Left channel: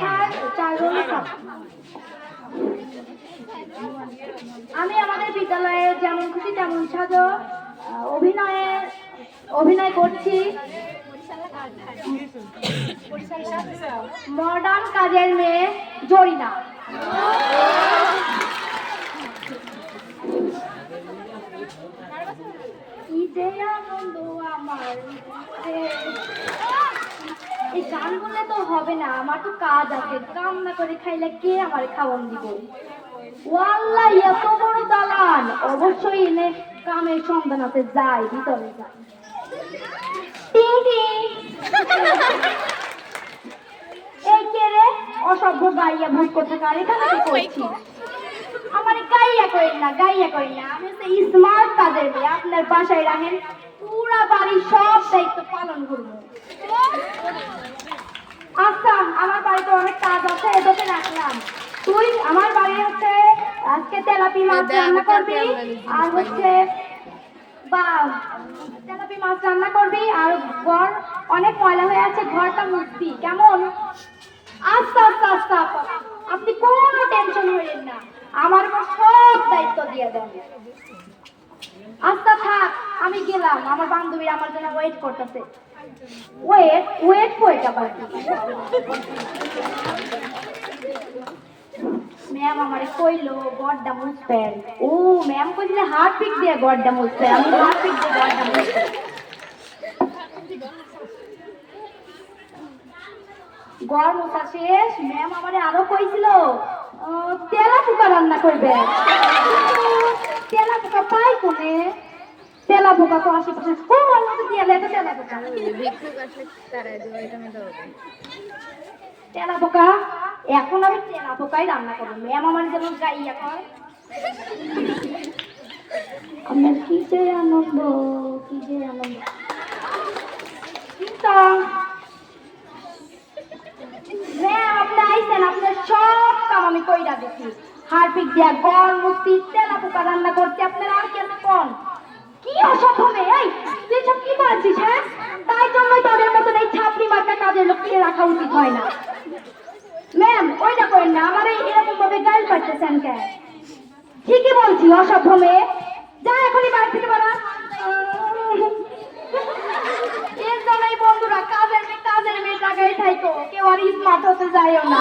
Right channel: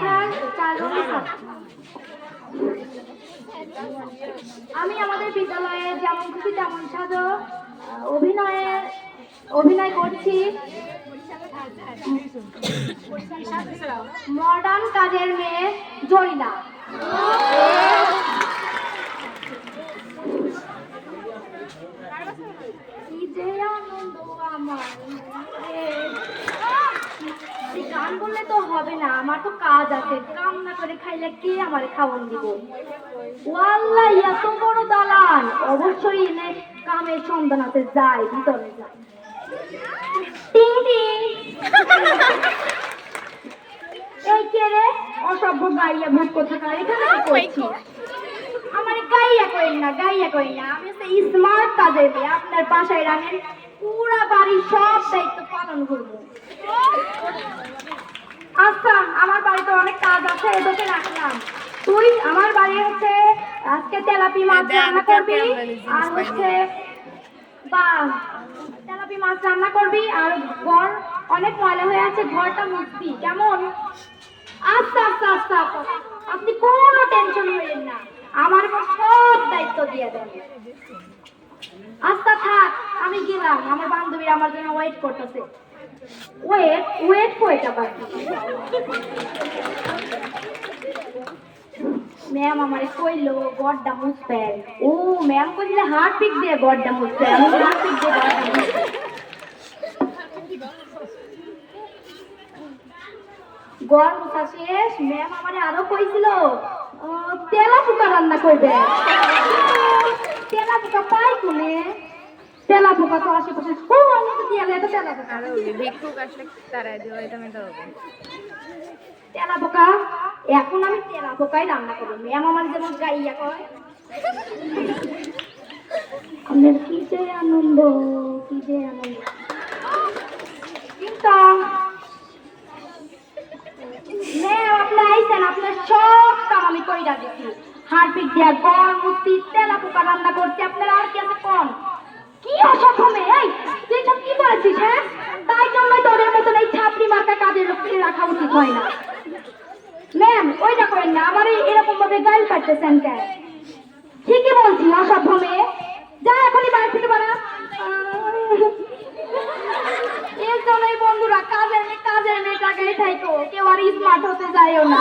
শাখার 4 জন ছাত্র। আমি আমাদের বিদ্যালয়ে যেমন খুশি তেমন সাজো অভিনয় করছি মডার্ন কাজের মেয়ে জরিনা। এই গান বললে তো হবে না, আমার তো কাজ আছে, কাম না করে খাইলে কে আমার খাওয়ান দিব? ওয়াল্লাহ এত বড় দালান, অবশ্যই এনে কামের সন্ধানাতে যায়, ভিতরে যায়। টিং টিং। এই কে রে? অসভ্য গাইয়া ভূত কোথাকার, এখানে কি করছিস? আমার গাইয়া করেন না, গাইয়া করেন না। আমি হচ্ছে স্মার্ট কাজের মেয়ে, আপনার বাসায় রাখেন, পুরা বাড়ির সব দায়িত্ব পালন করবো। আচ্ছা, আমার বাড়িতে অনেক কাজ আছে, এদেরকে রাখলাম। তুই আমার বাড়ি হচ্ছে আজকে তেলাপি মাছ রান্না করবি, আর হচ্ছে তেলাপি মাছ রান্না করবি, আর ঘর অনেক ময়লা হয়ে আছে, ঘরটা মুছবি, কেমন? আচ্ছা আচ্ছা আচ্ছা, আপনি কোনো টেনশন করেন না, আমার সব দায়িত্ব দিয়ে দেন। আচ্ছা থাক, আমি গেলাম, আমার বান্ধবী আমার জন্য ওয়েট করতেছে। ওয়েট আবার ম্যাম আমারে কইলো গড্ডা মুছবেন। ও ম্যাম কইছিল হার্ট পিক দিয়ে গড্ডা মুছবেন, আমি হার্ট পিক দিয়ে গড্ডা মুছবেন। গড় মুছা শেষ, ম্যাম আমারে আরো কইছিল তেলা পোকা রান্না করবে। তেলা পোকা পাই কোনে? তেলা পোকা তো আশেপাশে খুব অনেক দিয়ে লেগে তেলা পোকা ভিক্ষুক আসলে তারা দেওয়া এটা আমি দেবো। তেলা পোকা এখন আমি তেলা পোকাই রান্না করি, ম্যাম আমার যেমন গাইয়া কয়। আমার কি যে আনন্দ, কি যে আনন্দ। ম্যাম আপনি আইসেন, আপনার সব কাম আমি কইরা দিচ্ছি। হারপিক দিয়া গড় মুক্তি তেলা পোকা রান্না করতে আপনার আর কেন কোন কি অসম্ভবে? এই তুই সব কি বলছিস? হ্যাঁ, তাই জন্যই তোদের মতন এই ছাত্রী মার্কা কাজের লোককে রাখা উচিত হয় না। ম্যাম ওইটা করেন না, আমার এরকম ভাবে গান পাইতেছেন কেন? ঠিকই বলছি, অসভ্য মেয়ে, যা এখনই বাড়ি থেকে বাড়া। এর জন্যই বন্ধুরা কাজের মেয়ে টাকাই থাইকো, কেউ আর স্মার্ট হতে যায়ও না।